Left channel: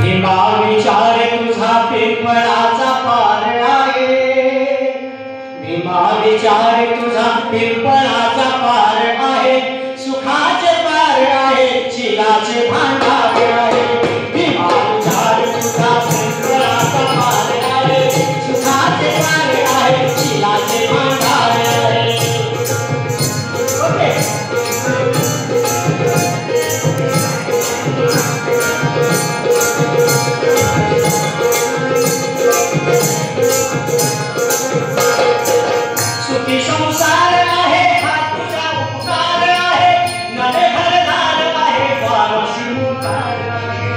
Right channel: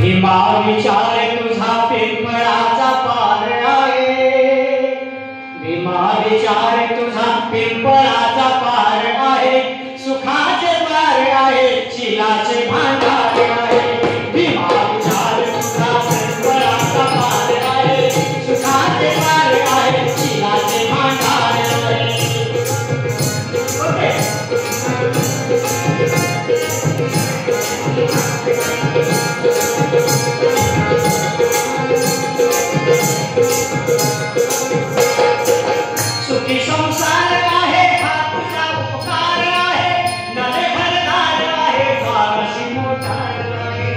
भीमा विचार तुझा पिंपळाचा पार आहे, भीमा विचार तुझा पिंपळाचा पार आहे, सुखाचे पार आहे, चिलाचे भांडार आहे। भीमा विचार तुझा पिंपळाचा पार आहे, सुखाचे पार आहे, चिलाचे भांडार आहे। ओके सुखी संसार आहे, हा तुझा उपकार आहे, नवे घरदार आहे, वारसी मोठार आहे।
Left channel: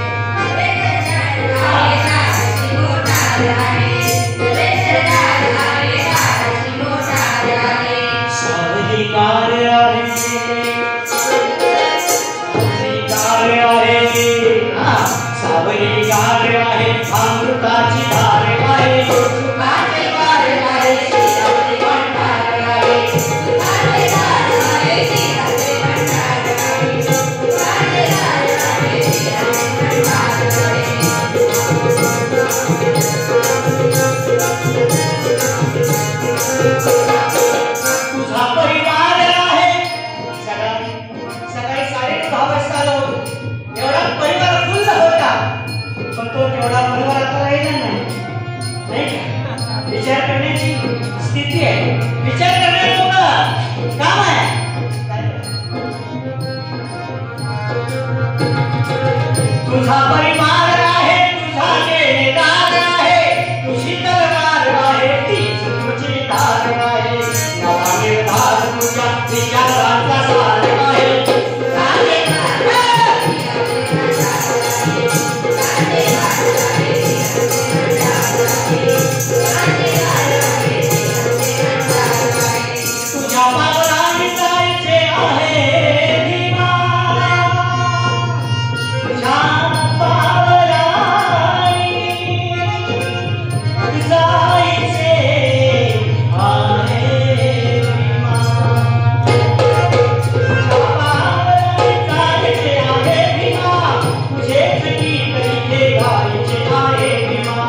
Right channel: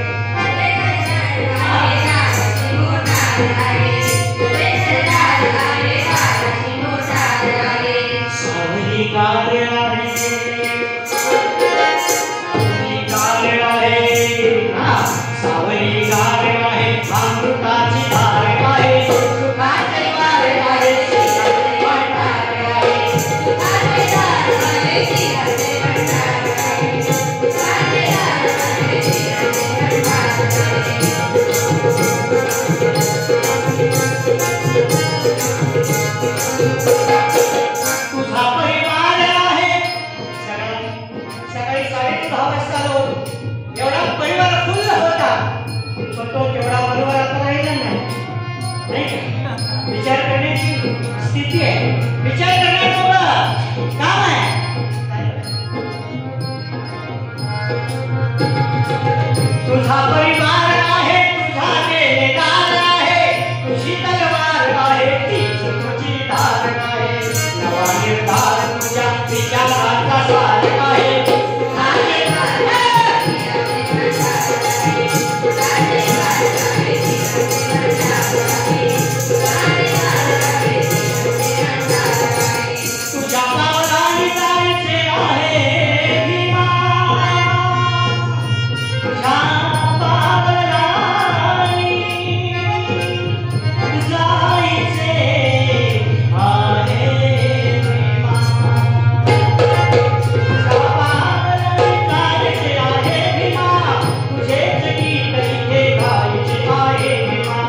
सावधिकार आहे, सावधिकार आहे, सावधिकार आहे, अमृताची धार आहे, सुखाचे पार आहे, तुझा परिवार आहे। सकाळी 6:30 वाजता आलो, एवढा परिवार फुल्ल होता, पण तो तेवढा बरोबर आता राहिला नाही का? विचार करण्याची स्थिती आहे, विचार करण्याचं काम आहे। तुझा परिवार आहे, तुझा देणदार आहे, तुझी तलवार आहे, तीच तुझी धार आहे, नवा निर्धार तुझ्या विचाराचा सार आहे। तुझ्या पावलांनी जायचे आहे भीमा, तुझ्या पावलांनी जायचे आहे भीमा, तुझ्या पावलांनी जायचे आहे भीमा, तुझेच गीत इथे गायचे आहे भीमा,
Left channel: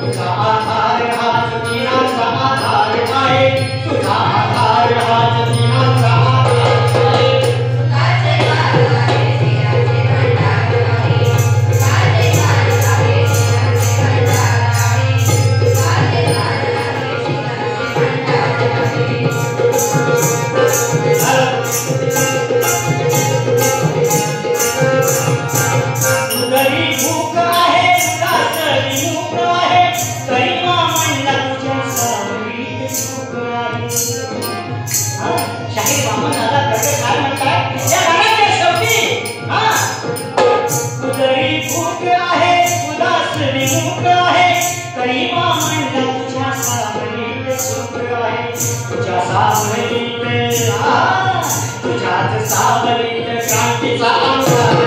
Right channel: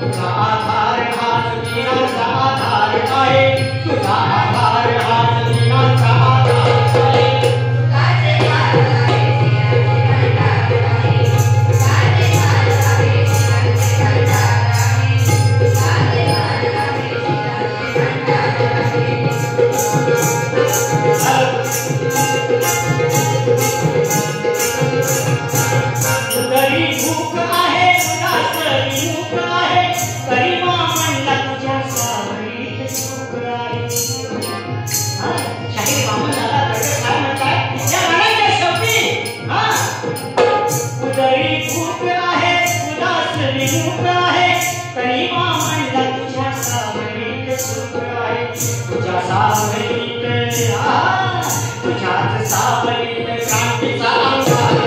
तुझा आधार हाच दिनाचा आधार आहे, तुझा आधार हाच दिनाचा आधार आहे। गरी भूक आहे, उदासरी मूक आहे, तरी मामांना तुझ्या सावलीत सुख आहे। शाहीर मामा दादा कडे काय म्हणतात या गाण्याच्या शेवटी, गरी भूक आहे, उदासरी मूक आहे, तरी मामांना तुझ्या सावलीत सुख आहे, तुझ्या सावलीत तुझ्याच सावलीत क्रांतीचा अंगार